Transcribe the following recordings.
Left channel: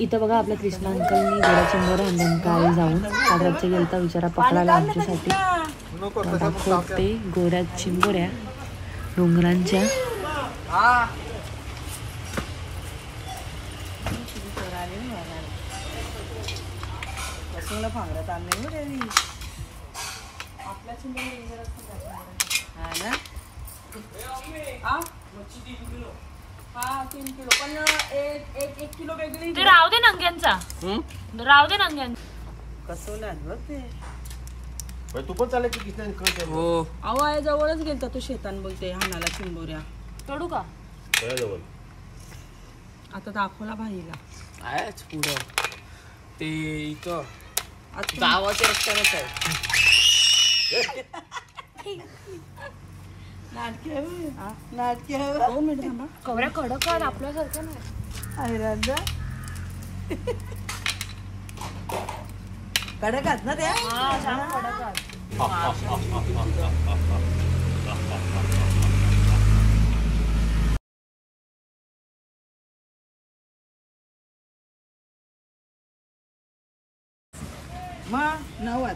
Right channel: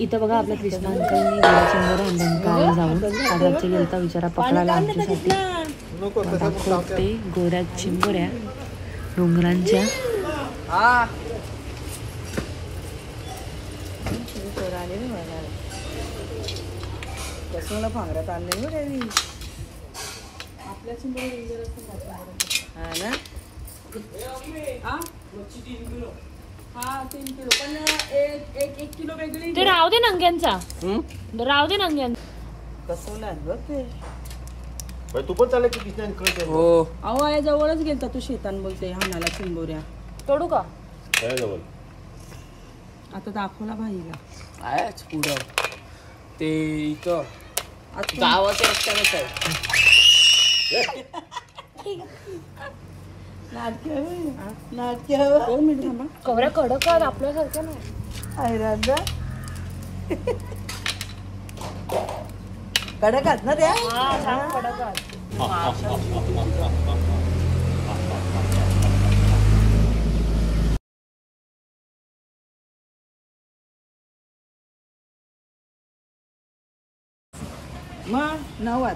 इथं बघा आपल्या कृष्णा अंकलनी गोरा चिंबोऱ्या आणल्या काल जाऊन. काल रात्री गेलता विचारा पकडायला आमच्यासाठी. दाखवते गोऱ्या चिंबोऱ्या डोंगरांच्या. ते राहू दे नंग्यांचा, राहू दे नंग्यांचा. तू पण चालेल की किती हो. अहो आहे जवळच गेलता तू शेतान बोलते हाणाला चिंबोऱ्या. तोडू का जवळ आता दाखवला भाईला आहेच पुढं ते इथं गावाच्या रस्त्यावरच आहे. कवऱ्या कडक आहेत आपल्यासारख्या नाही. कडक आहेत ना त्या. कडक आहेत.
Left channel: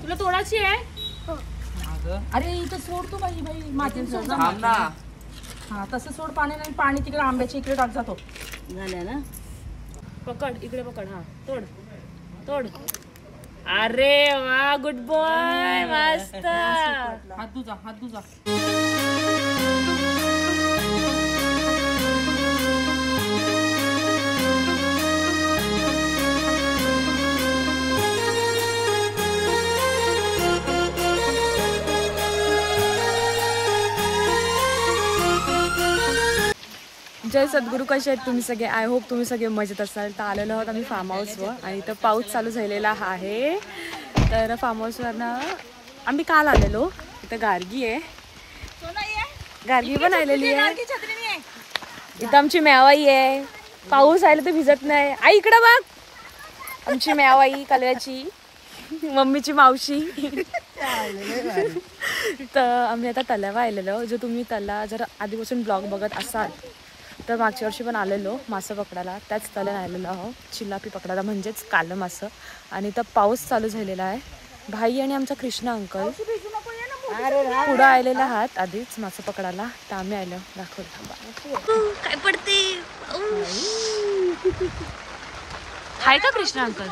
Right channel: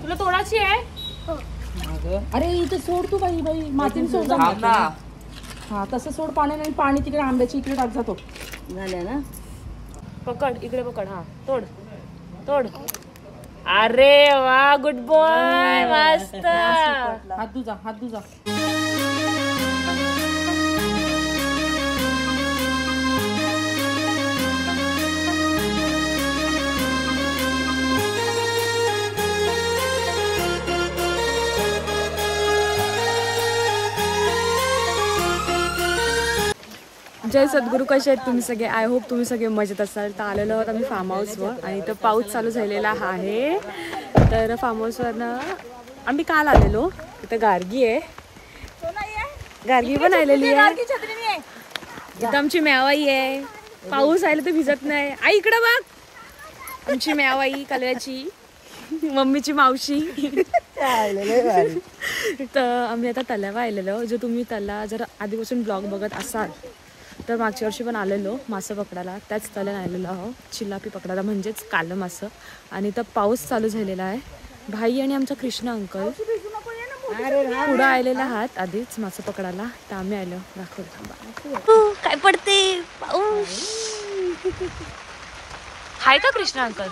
तुला तोडायची आहे. अरे इथं सोड तू बाई बाई मातीन सोड. हा तसं सोड पाणी नाही. पाणी तिकडे आंब्याच्या इकडे टाक जातो. झाल्या ना. पकड इकडे पकड. हा तोड तोड. अरे वा गुड बॉय मस्त. हात धुजा हात धुजा. जय सद्गुरू. कसे आहेत तुम्ही सगळे. आय होप तुम्ही सगळे मजेत असाल. तर आलेलो आहोत आम्ही फार्म हाऊसवर आणि इथं पाऊस चालू झालेला आहे. तर फार्म हाऊसवरनं आम्ही काल आलेलो. इथं गार्गी आहे. गार्गी पण आलेली आहे. इथं आमची मेवाई आहे. पाऊस आला तर भिजत नाही. आई इकडं बघ. आमची मेवाई कलव्याची मम्मीची मावशी. तर आम्ही आता तलावा आलेलो. जो तुम्ही तला जर आधीपासून ब्लॉग बघत असाल तर मागच्या वर्षी पण आलेलो मासं पकडायला. त्याच तल्यान आलेलो आहो चिल्लापी पकडायला म्हणजेच कालं मासं. आणि तर पाऊस चालू झालेला आहे. भाई आणि आमचा कृष्णा अंकल पुढं आलेला आहात आधीच मासं पकडायला. तर आम्ही आलो दाखव. काय पडते हाय का कृष्णा अंकल.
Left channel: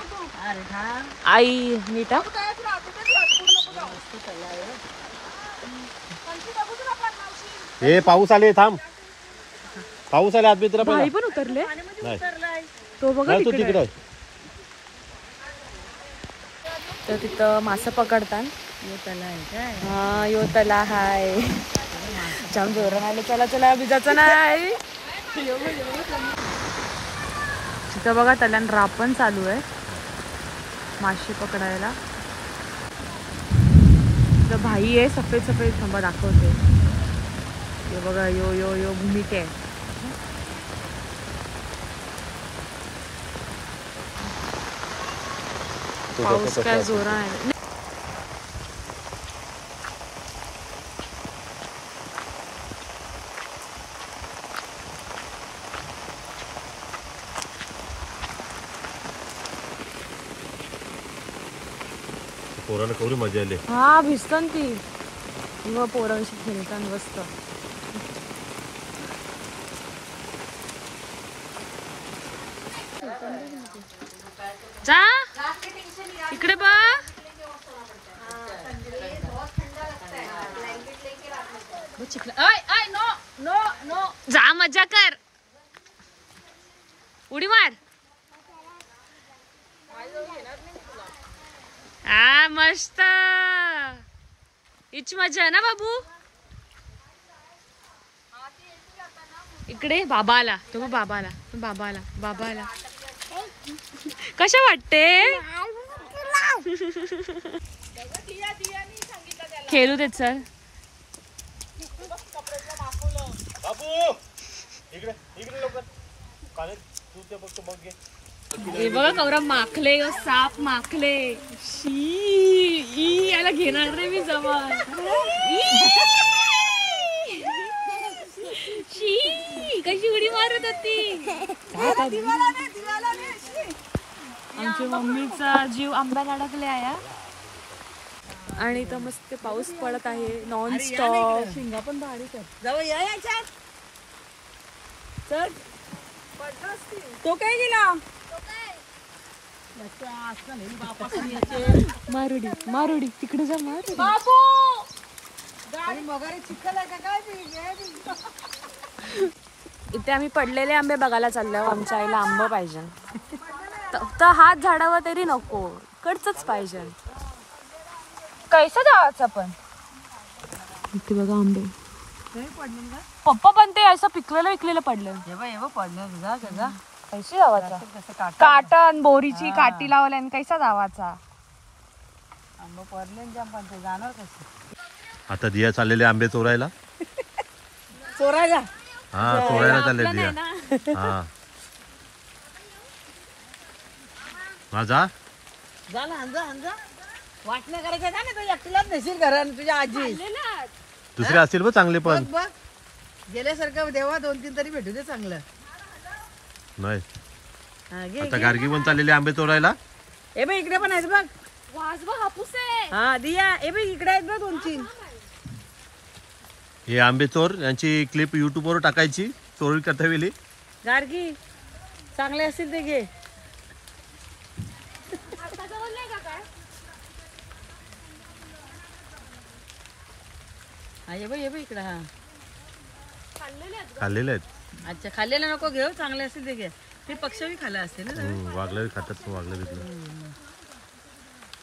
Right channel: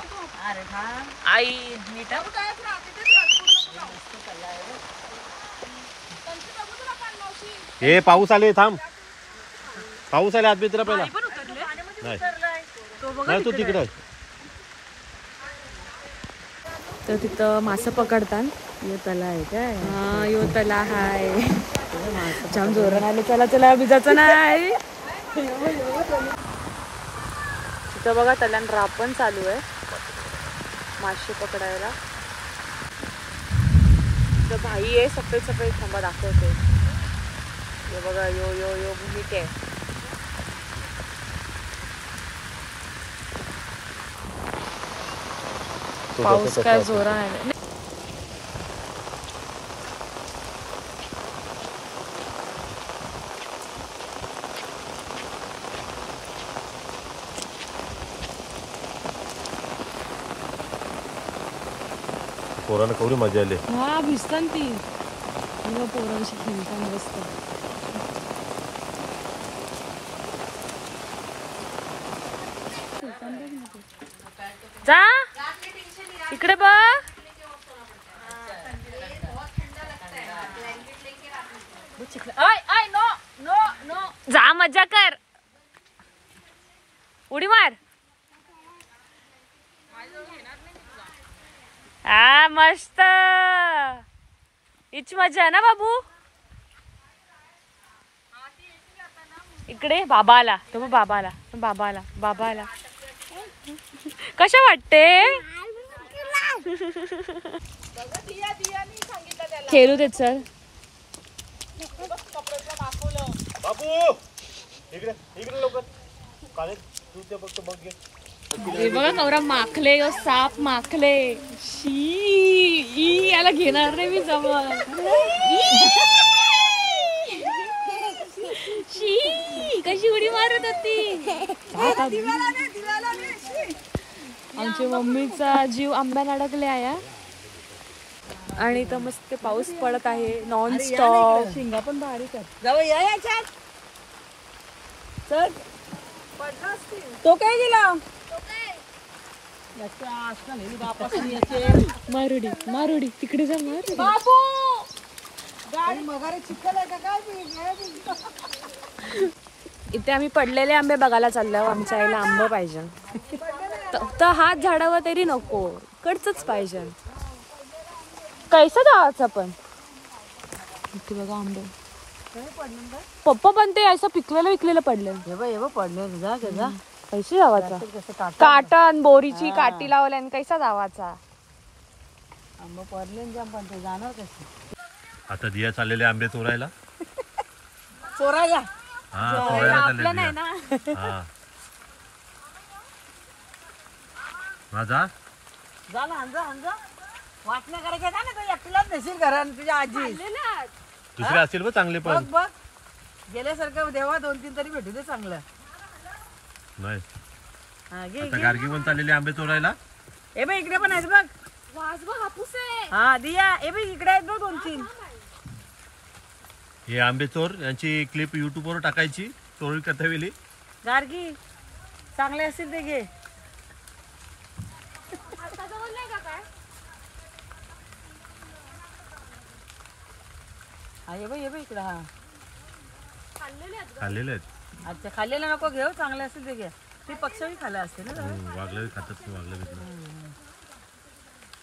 आई मीठा हे पाऊस आले. थांब पाऊस आले. आत मित्र पण उतरले नाही तो बघा तू तिकडे. तर तिथं मासं पकडतात. हा यो तला हाय. जाम जोरान आले. चला चला भिजायचं नाही. तिथं बघा तल्यान रापण चालू आहे मासे पकडायला. तर भाई आहे सफेद सफेद. थांबा दाखवते. हे बघा यो यो यो भूमिक आहे. पाऊस काय जोरान आहे. पोरांना कवरी मजा आली. हा भिजतात ती. पोरांशी खेळतात मस्त. जा इकडे बघ. जा मजा कर. उडी मार. हा मस्त. हिच मजा आहे ना बाबू. इकडे बाबा आला. तो बाबा आला. बाबा आला. बाबा आला. कशा वाटते. खेळू देत सर. हे बघा कवरा माखले. साप माखले. शी याला घेणार रे मी जवळ. शी कशी उडी मारत होती. यांच्या मम्मीचा जीव आंब्यात अडकले आहे आणि इथं मस्त पाऊस पडत आहे नॉन स्टॉप. शिंगा पण बारीक आहेत. जाऊ या याच्यात चल. तो काय गेला मारुडी मारुडी तिकडे जा मारुडी. बाबू इथे आम्ही पडलेले आंबे बघायला चाललो. आमच्या आईला आंबा पाहिजे तर हात झाडावर तरी नको, कडचंच पाहिजे. कैसा जायचं पण इथे बघा आंबा. पप्पा पण ते असं विकलेलं पडलं. कैशी जावाचा काटन बोरीची काठी लावल्या कैसा जावाचा. आता दिया चाललेले आंबे चोरायला. चोरायला हा चोरायला आपलं चालले नाही दिया. ना. हा माझा वाटणे करायचं का नाही तुझ्या तुलाच नसेल घरा तुझ्या आजी दुसरे असतील बघ चांगले पण. बघ गेल्यासारखं देवा 2-3 तरी भेटू दे चांगलं. नाही हा, घे, आता घे. गार्गी पण चाललेले आंबे चोरायला. ए बाई इकडे पण आहेत बघ. वाजवा हापूस आहे. हा दिया ए बाई इकडे आहेत बघ 2-3. हे आंबे चोर यांची क्लिप युट्यूब वर टाकायची. चोरी करता वेळी गार्गी चांगले असतील ते घे. हा ये बाई इकडे. हा खाल्लेले आहेत. अच्छा खाल्लेला नको घेऊ, चांगले असतील ते घे. ते पक्षी खाल्ला असते ना. वागलं खातात वागलं बिकलं.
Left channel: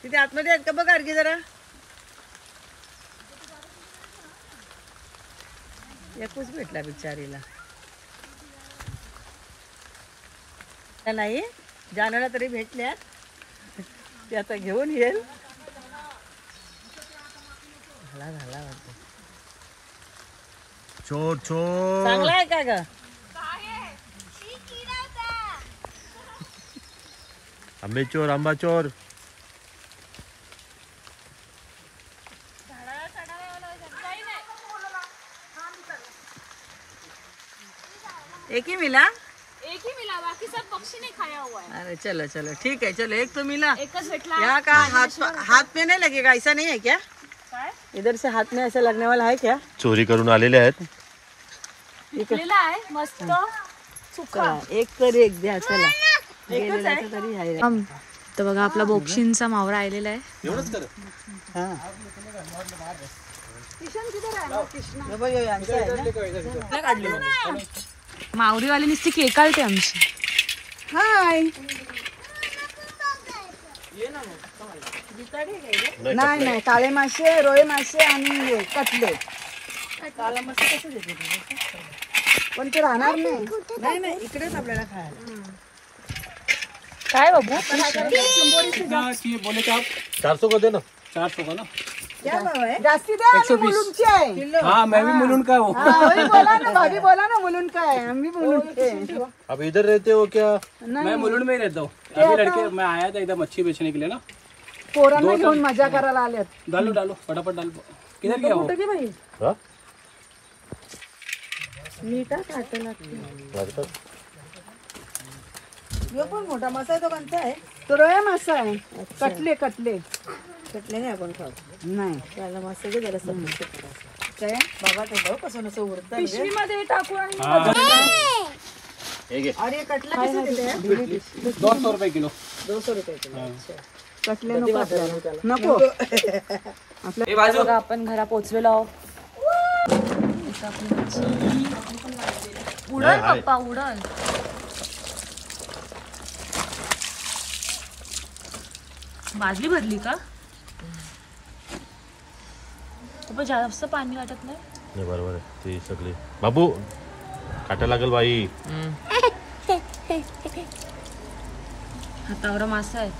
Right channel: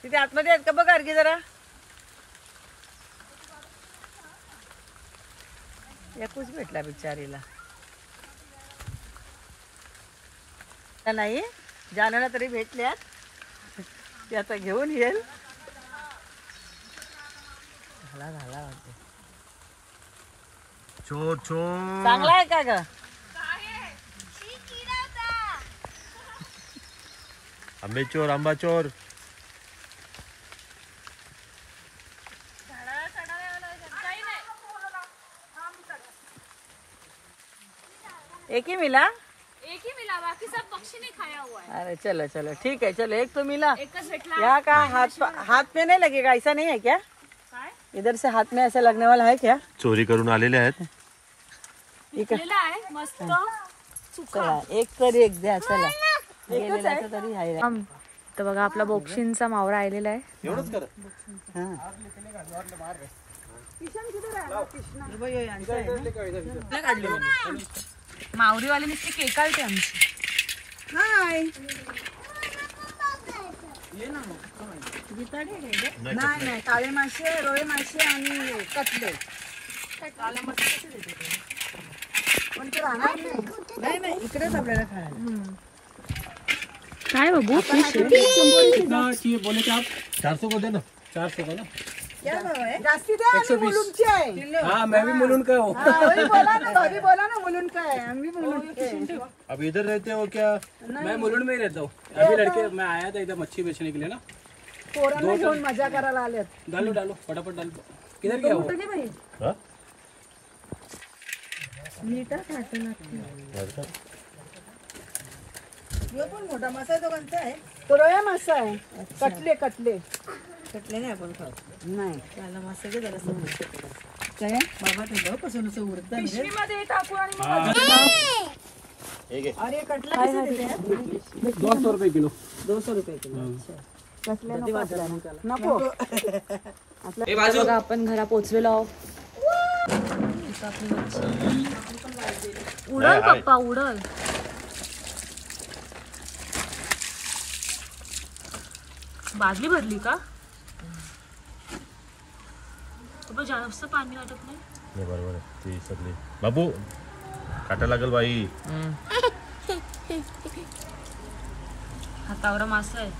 तिथे आतमध्ये आहेत का बघ गार्गी जरा. एकूच भेटला बिचारीला. नाही जानला तरी भेटल्या ते आता घेऊन येईल. चोर चोर चांगला आहे का ग. आंबे चोर आंबा चोर. एक ही मिला. एक ही मिला, बाकी सब पक्षी नहीं खाया हुआ है. अरे चलो चलो ठीक है. चलो एक तो मिला. एकच भेटला. यहाँ का हाथ में नहीं लगेगा ऐसा नहीं है क्या. इधर से हाथ में ऐसा लगने वाला है क्या. चोरी करून आलेले आहेत. विकलेला आहे मस्त चला, एक तरी एक द्या. चला गेलेल्याचं तरी आहे. तर बघा आपला बोक्षींचा मावरा आलेला आहे. हा. हे बघ, हे यांचं आहे ना. काढली मी. मावरीवाली नुसती केकाळते आमची. हाय. नाही नाही काळे मासे, रोळे मासे आणि कटले. काला मासे कसे देते पण ते राहणार नाही. नाही इकडेच आपल्याला खायला. काय बाबू 400 का दे ना. 400 का ना. क्या भाव आहे. जास्ती द्या. 120 आहे. हाँ मैं भी मुलुंड का हूँ. बोला ना भाभी बोला ना मुलुंड का है. हम भी मुलुंड के हैं. अब इधर रहते हो क्या. मैं मुलुंड में ही रहता हूँ. अभी लड़के मैं आया था इधर मच्छी बेचने के लिए ना. पोरांना घेऊन मजा करायला आलेत. डालो डालो फटाफट डालो. किधर गया वो. हा? मीठा काटला. यो पण मोठा मासा आहे. तो कोणता आहे. तो रोया मासा आहे. कटले कटले कटले नाही आपण खात. नाही त्याला मासा घे. त्याला सगळं बाबा ते बघ कसं नसं उरतं. पिशवीमध्ये टाकू आणि अरे कटला किती देते. 200 रुपए किलो. 200 रुपये किलो. कटले नको. बघा आपण घरा पोहोचलेलो आहोत. उडल पप्पा उडल. बादली भरली का पप्पा. जास्त पाणी वाटत नाही. बरोबर आहे. ती सगळी बाबू काटा लागल बाई. हातावर मासा आहे.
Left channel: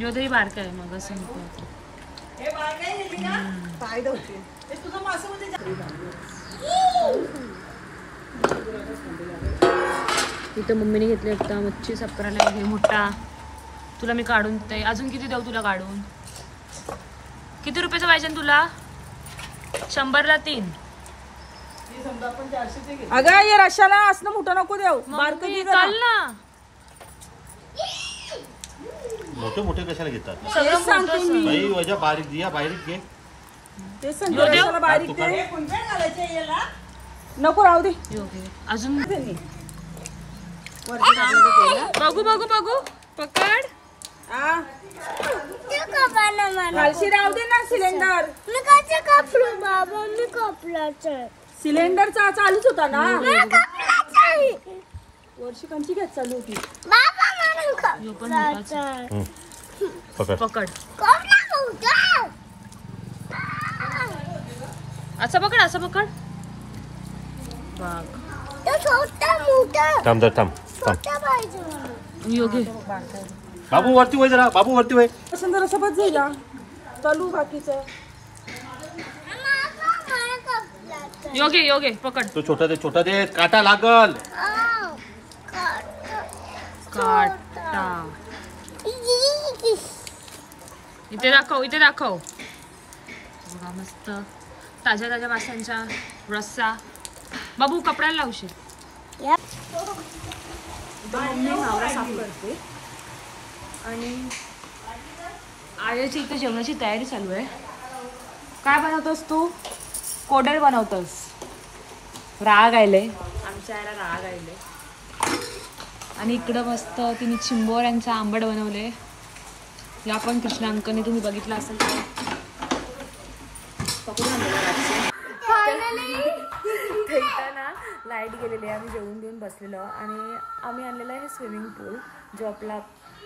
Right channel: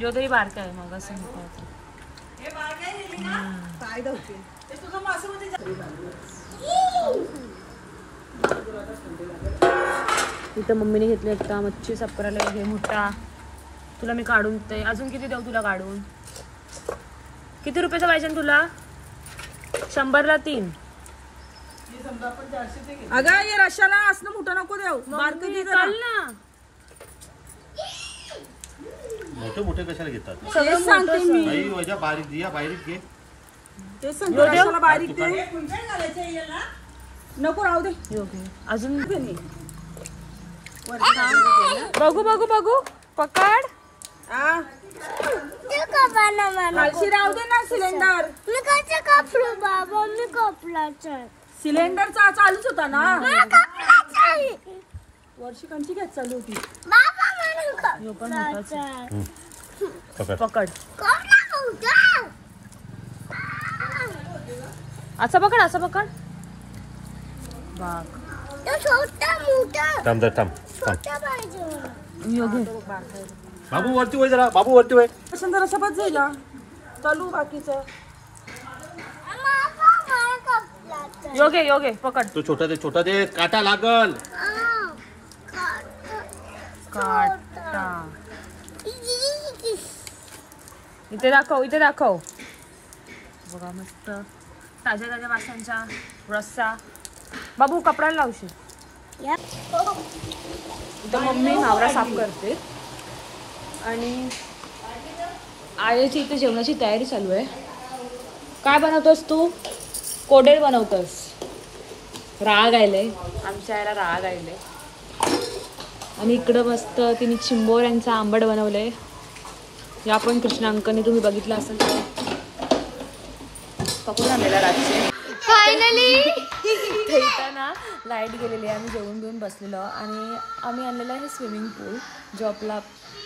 जो तरी बारका आहे मग असं इथं मम्मीने घेतले होता मच्छी सपराला. घे मोठा. तुला मी काढून ते अजून किती देऊ तुला काढून. किती रुपयाचं पाहिजे तुला. 100ला 3. अगं ये रशाला असलं मोठं नको देऊ बारकं दे जरा. चाल ना मोठे मोठे कशाला घेतात तेच सांगते मी. बाई वजा बारीक दिया बारीक घे तेच सांगते रशाला बारीक दे. नको राहू दे. अजून बघू बघू बघू पकड. खालशी राहू दे ना सिलेंडर. मी कसं कापलो बाबा मी कापलाच सिलेंडर चालूच होता ना. कापलाच वर्षी कंची घेत चालू होती. बाबा म्हणून यो पण मोठाच आहे. पकड पकड कोणा मोठा असं पकड असं पकड बघ. तो छोटा मोठा थांब जरा थांब छोटा पाहिजे मला. योगे बाबू वरती वय जरा बाबू वरती वय असं जरा सोबत जाईल चालू बाकीचं. बाबा मला कापलाच योगे योगे पकड. तो छोटा दे काटा लागल. काटा इथे दाखव इथे दाखव. बघा मस्त ताज्या ताज्या माशांचा रस्सा. बाबू कपड्याला लावशील. तर मम्मी मावरा साफ करते आणि आयाची इथे जेवणाची तयारी चालू आहे. काय बनवतोस तू? कोडेल बनवतोस. राग आयले आमच्या आईला राग आयले. आणि इकडं मस्त तिने चिंबोऱ्यांचा आंबट बनवलंय. या पण कृष्णा अंकनी तुम्ही बघितलं असेल तर पकडून आणलेला रात्री. फायनली इथं ना लाईट गेलेली आहे. आम्ही जेवून घेऊन बसलेलो आणि आम्ही आणलेलं आहे स्विमिंग पूल जो आपला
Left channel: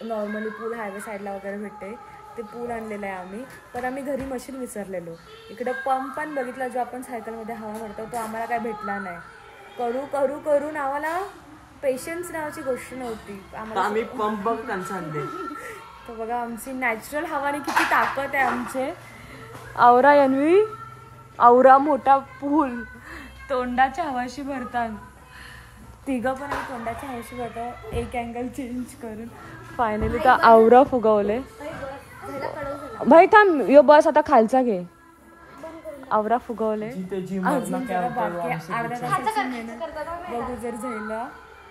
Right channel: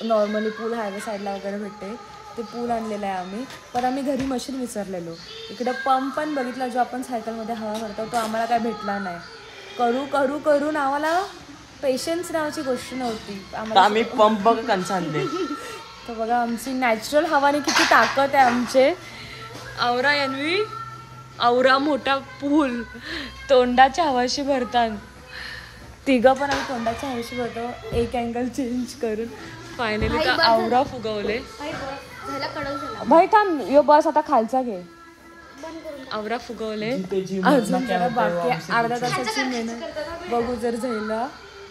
नॉर्मली पूल हायवे साईडला वगैरे भेटते ते पूल आणलेलं आहे आम्ही. पण आम्ही घरी मशीन विसरलेलो. इकडं पंप पण बघितला जो आपण सायकलमध्ये हवा भरतो तो आम्हाला काय भेटला नाही. करू करू करून आम्हाला पेशन्स नावाची गोष्ट नव्हती आम्ही पंप कंस आणले. तर बघा आमची नॅचरल हवाने किती ताकद आहे आमचे. आवरा यन्वी आवरा मोठा पूल तोंडाच्या हवाशी भरतात. तिघं पण आम्ही तोंडाच्या हवाशी भरतो एक अँगल चेंज करून. फायनली तर आवरा फुगवले. भाई थांब यो बस आता खालचा घे. आवरा फुगवले अजून जरा बाकी अर्धा तासाची मेहनत. बघू जर झाला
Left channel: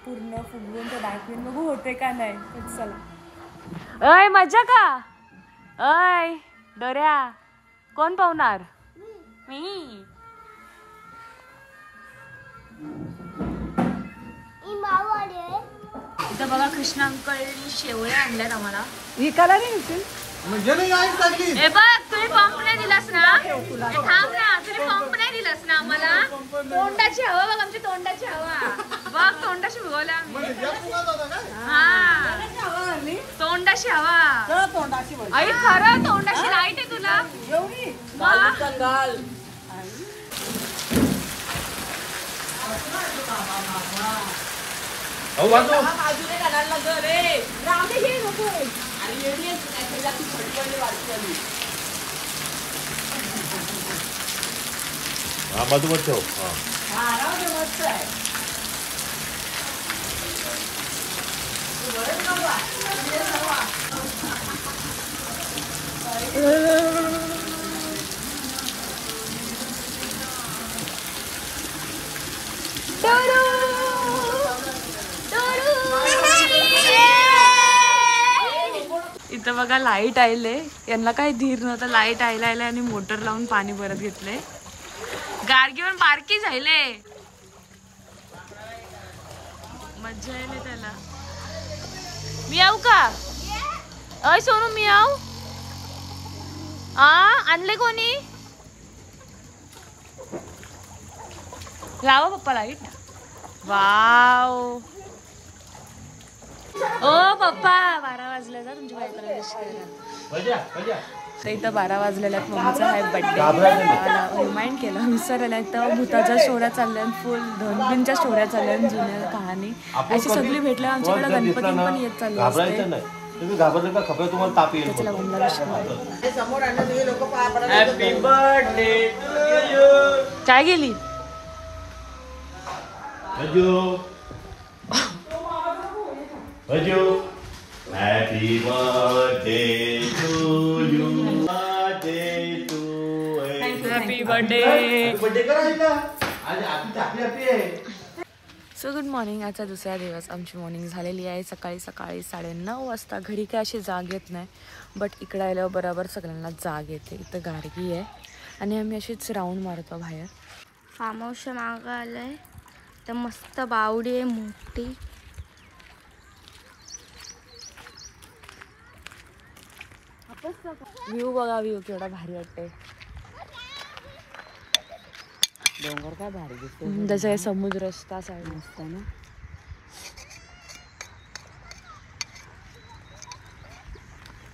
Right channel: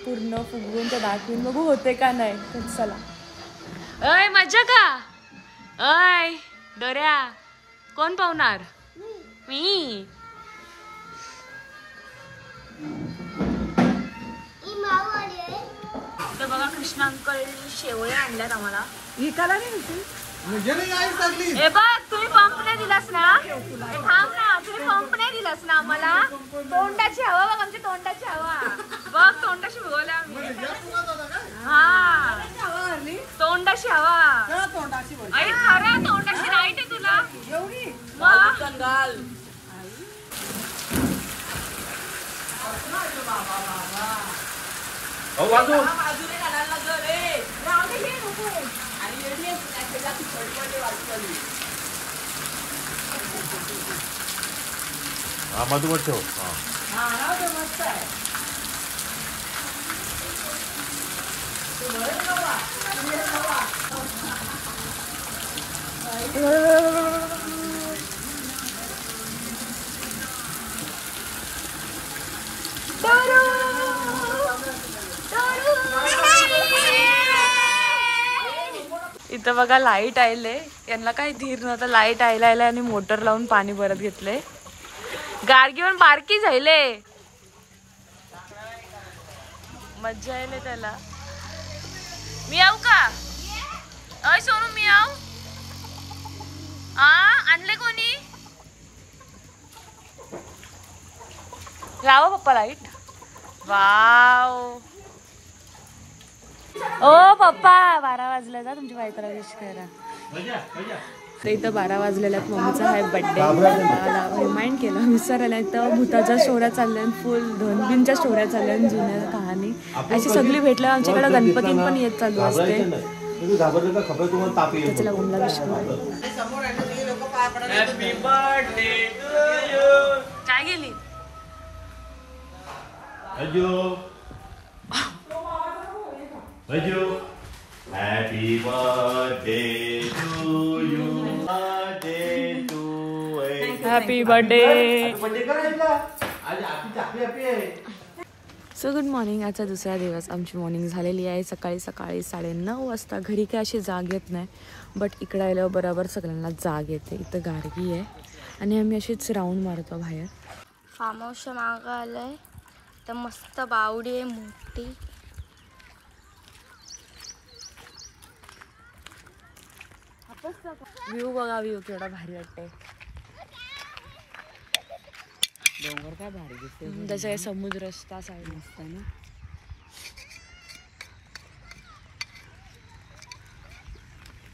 पूर्ण फुगवून तर दाखवून बघू होते का नाही. तर चला. अय मजा का? अय डोऱ्या कोण पावणार? मी. इथं बघा कृष्णा अंकल शेवया आणल्यात आम्हाला. विकायला नाही ए बघ तुम्ही पंप नाही दिलास ना. थांब ना तुम्ही पंप नाही दिलास ना आम्हाला. तोंडाची हवा बघ आमची तोंडाची हवा बघ. तोंडाशी भुगवल्या आम्ही. हा तोंडाशी हवा. तोंडाशी आई खरं तोंडाशी लाईट आहे तुला. एवढी मग मधुवर ठेव. इथं बघा लाईट आयले. यांना काही धीर नव्हता. लाईट आयला आणि मोटर लावून पाणी भरत घेतले. गाडगीवर बारकी झाले. मज्जा आले त्याला. मी येऊ का? अय सोनू मी येऊ. आणले कोणी? लावा पप्पा लाईट. वाव ओ पप्पा 12 वाजले जा तुमच्या काय करायला. तर इथं 12 वाजलेल्यात. मम्मीचा आहे बड्डे. मला रिमाइंड केलं विसरायला. तर भूताच्या स्टोऱ्या चालल्या फुल. धनबिनच्या स्टोऱ्या चालल्या जुन्या कहाणी अशी सगळी भेटल्या. आमच्याकडे गणपती पण येत चालू असते. त्याला बमला काय गेली Happy birthday to you. Birthday to happy birthday. So good morning. आजचा दुसरा दिवस. आमची मॉर्निंग झालेली आहे. सकाळी 9:30 वाजता. घरी काय अशी जाग येत नाही, बट इकडं आल्यावर बरोबर सगळ्यांना जाग येते. इथं गार्गी आहे आणि आम्ही अशीच राऊंड मारतो बाहेर. फार्म हाऊसच्या मागं आलंय तर मस्त बावडी आहे मोठी. व्ह्यू बघा, व्ह्यू केवढा भारी वाटते. डोंगर काय भारी दिसतो. जसं काही समुद्र असता साईड मस्त ना.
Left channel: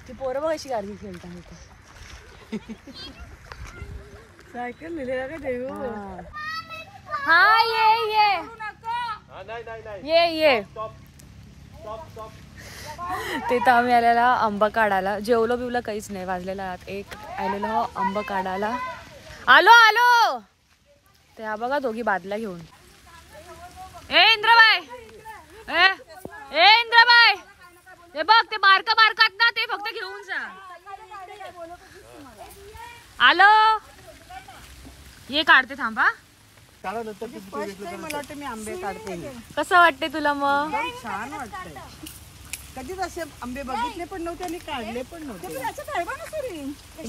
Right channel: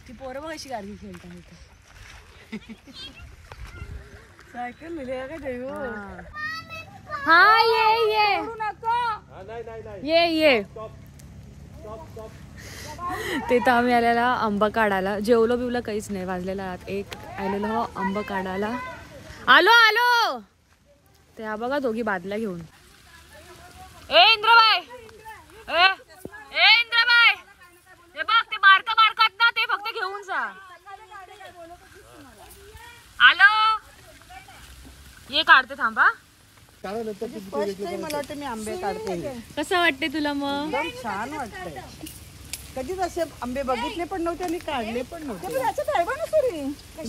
ती पोरं बघ अशी गार्गी खेळतात. सायकल लिहिलेला काय देऊ. हा ये ते तर आम्ही आलेला आंबा काढायला. जेवलो बिवलं काहीच नाही. वाजलेला 1 आलेलो हो आंबा काढायला. आलो ते हा बघा दोघी बादल्या घेऊन. ए इंद्रबाई, ए इंद्रबाई, हे बघ ते बारकात ना, ते फक्त घेऊन जा. आलो ये काढते थांबा. मला वाटतं मी आंबे काढते. कसं वाटते तुला मग? एकदम छान वाटतंय. कधीच असे आंबे बघितले पण नव्हते आणि काढले पण नव्हते.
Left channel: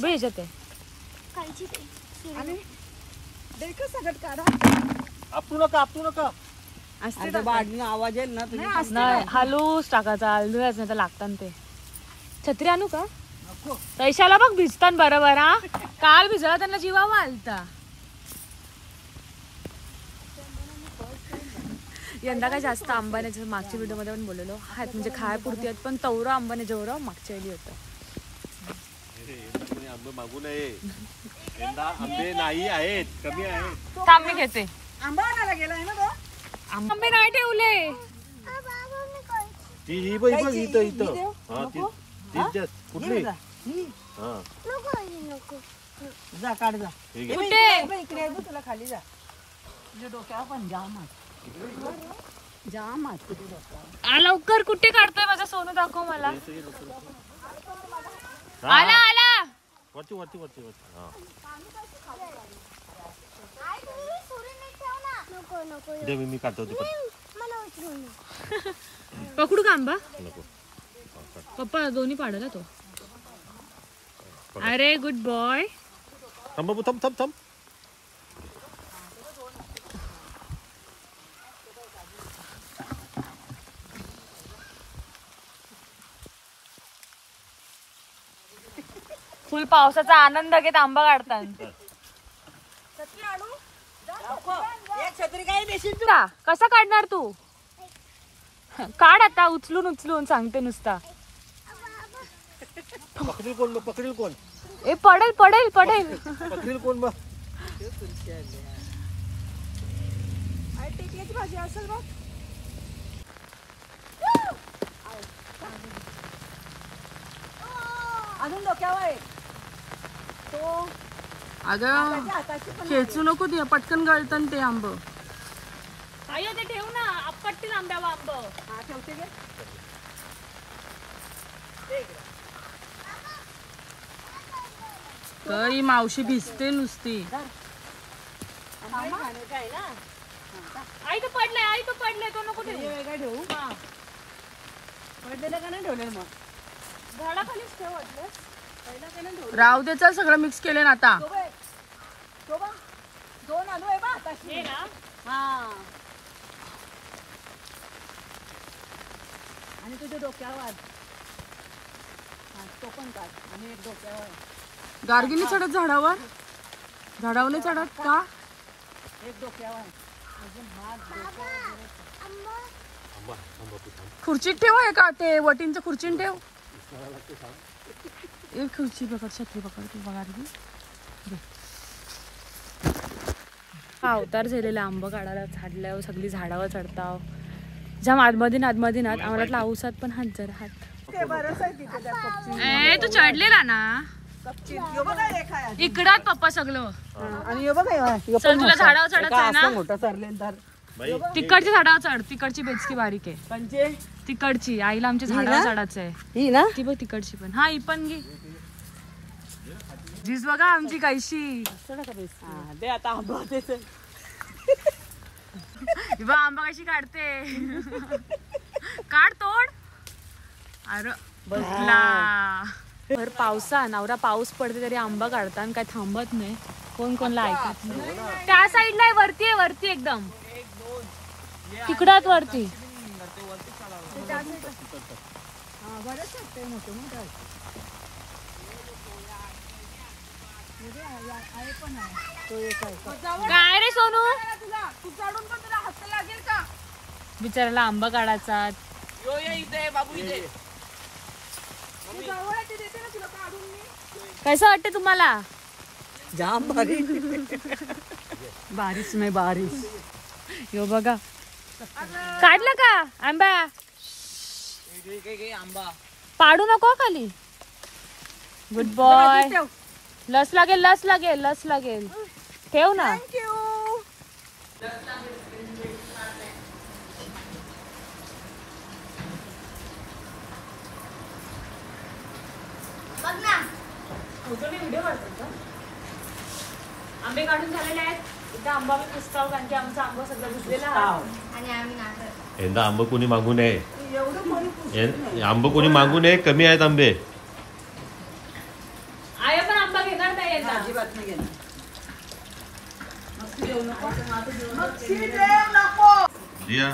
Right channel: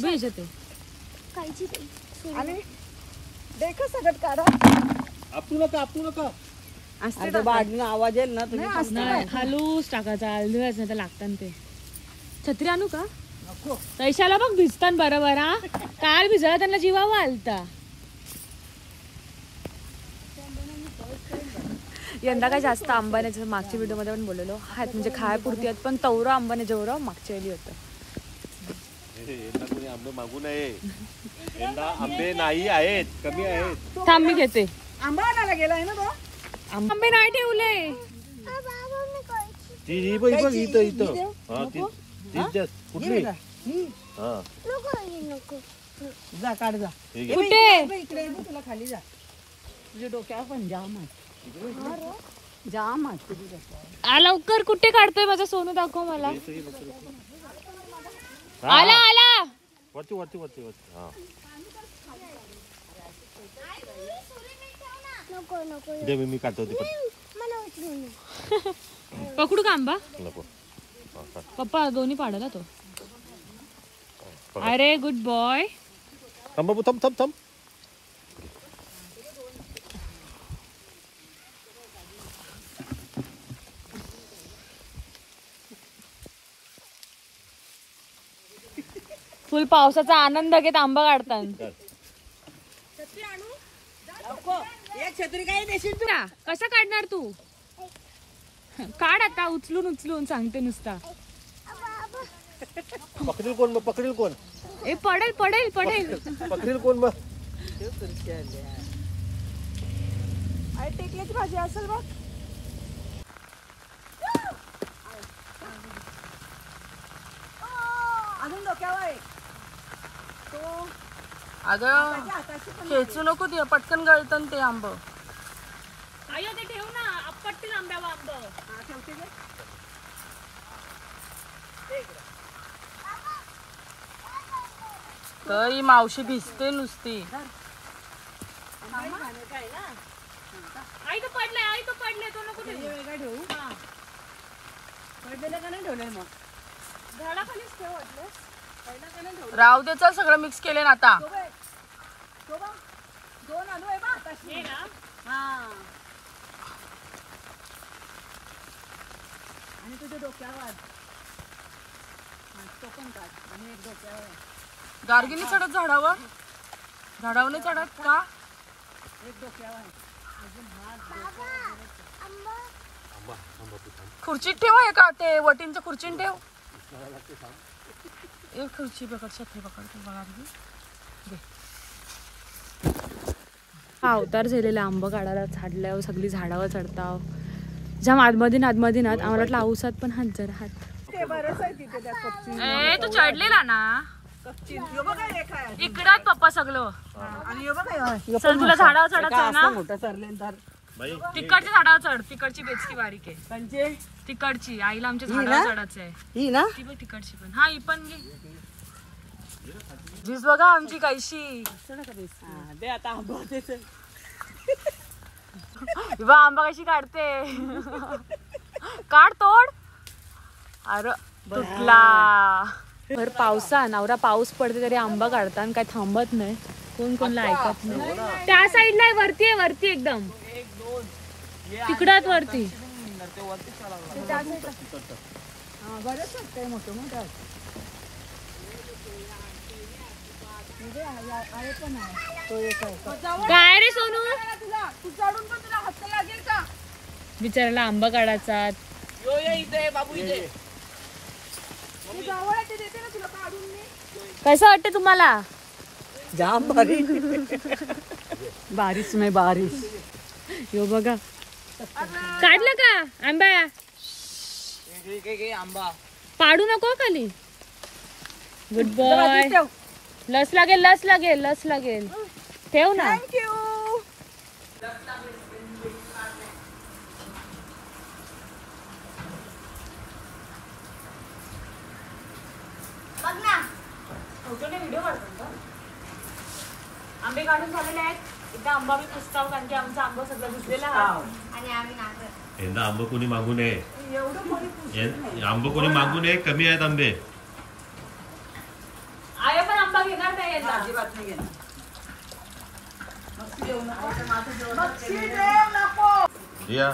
भेजते आणि देखा सगळं काढा. आपटू नका आता बाजून आवाज येईल ना तुम्ही. नाही हलूच टाकायचा. हलूच नाही तर लागतात ते. छत्री आणू का? पैशाला बघ भिजतात बरोबर. हा काल भिजला त्यांना जीवावा आलता. यंदा काय जास्त आंबा नाही. जसं मागच्या व्हिडिओ मध्ये पण बोललेलो आहेत, म्हणजे खायपुरती आहेत, पण तवरं आंबा नाही जेवढं मागच्या वेळी होतं. कोणी आंबे मागू नये. यंदा आंबे नाही आहेत, कमी आहेत. थांब मी घेते. आंबा आणायला गेलाय ना तो. आंबे नाही ठेवले. ती बघ इथं. हा ती कुठली? हा जा काढ जा. कुठे? इकडे तुला खाली जा. तुझ्या डोक्यावर पण जाम लवकर कुठे काढतोय माझं सोनू? दाखव मला. आला वरती हा. दे मी काढतो ते. पकडू का आंबा? नको. पप्पा दोन्ही पाडायला तो. अरे गुड बॉय. थांब बाबू, थांब. फुल पावसाचा आनंद घेत आंबा काढतात. छत्री काय देशील तू? कसा काढणार तू? काढ आता उचलून सांगते नुसता. पकडेल कोण? ए पडेल. पकडेल कोण मग? टेकल्याची भाजी असेल बघ. अजून डोक्यावर तो. अगं खेचू नको ते, पटकन गळतं ते आंब. आयो ते ठेव ना, आपटतील आंब्यावर आंब. हा ठेवते गे. तरी मावशी भिजते नुसती. आई तो पडले तो नको ठेवू. वेगळा ठेवू. पडलेलं का नाही ठेवलं मग? झाडाखालीच ठेव वाटलं. राव देचा सगळं मिक्स केले ना आता. दोन आलू आहे बा. हे ना. हा. आणि तुझ्या डोक्यावर तो पण काढ. आणि एक डोक्यावर. गार्गी नाही चढत झाडावर? झाडावर नाही चढत का? एक डोक्यावर. खुर्चीत ठेव आहे का ते? वटींचं खुर्चीन ठेव. एक खुर्ची पकड, छत्री पकड तू गार्गी. हा अवतार झालेला आंबा काढायला. झाडल्यावर सगळी झाडावर चढताव. ज्या आतमधीन आम्हाला औसात पण हात जरा हात. ए तू चढलेला ना इकडात पप्पा सगळं. चल तुला झाडावर चढायचं आहे ना. मोठा सरले तर तिकडची झाडावर चढ. तिकडची बेचकी बारीक आहे. पंचे तिकडची आईला आमच्या झाडावर चढायचं आहे. ही ना. ती बघ तिकडची पण. हा ही पण घे. वीज बघा आमची काहीशी. दे आता आंबा. बा आंबा कशी काढते. काढ तोड. अरे तुटला. भर पावसा नवरा पाऊस पडते तरी आंबा काढता आणि काय थांबत नाही. कोण कोणला ऐकत नाही. त्या साईडला आहे वरती आहे वरती एकदम तिकडात वरती. बरेच वाटतंय मोठं मोठं काय रे सोनू बिचाराला आंबा काढायचा. कसं वाटते तुम्हाला. जाम भारी. बारीच नाही बारीच. यो बघा काढलं का आंबा. पाडू नको खाली. Good boy. लस लागेल लस लागेल लस लागेल. ठेव ना. व्हिडिओ आंबे काढून झालेले आहेत. एकदा आंबा मी पुसताव कारण की आमचा आंबा सगळा भिजलेला आहे आणि आम्ही नाटक. यंदा आंबे कोणी मागू नये. आंबे कोणी मागू नये. कमी आहेत आंबे. आय पण आंबा घेणार नाही यंदा. अजिबात नाही घेणार. रिया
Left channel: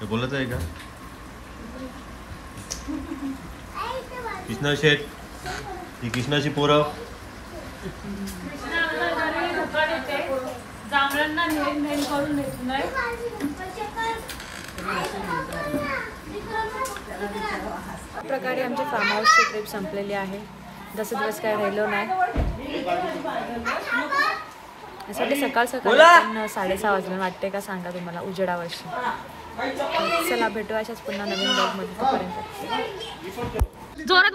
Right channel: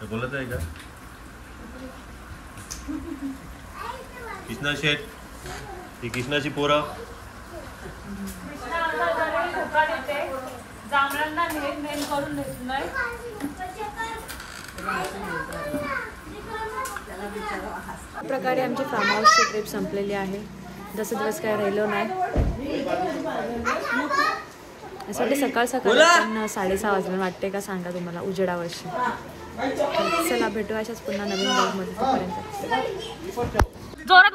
हे बोलत आहे का. कृष्णा शेठ ही कृष्णाची पोरं. जांभळांना नेम करून देत नाही. प्रकारे आमची फार्म हाऊसची ट्रिप संपलेली आहे. जसं दिवस काय राहिलो नाही. असं सकाळ सकाळी पण 6:30 वाजले वाटते का सांगा तुम्हाला उजेडावर्षी. चला भेटू अशाच पुन्हा नवीन ब्लॉगमध्ये. तोपर्यंत जोरात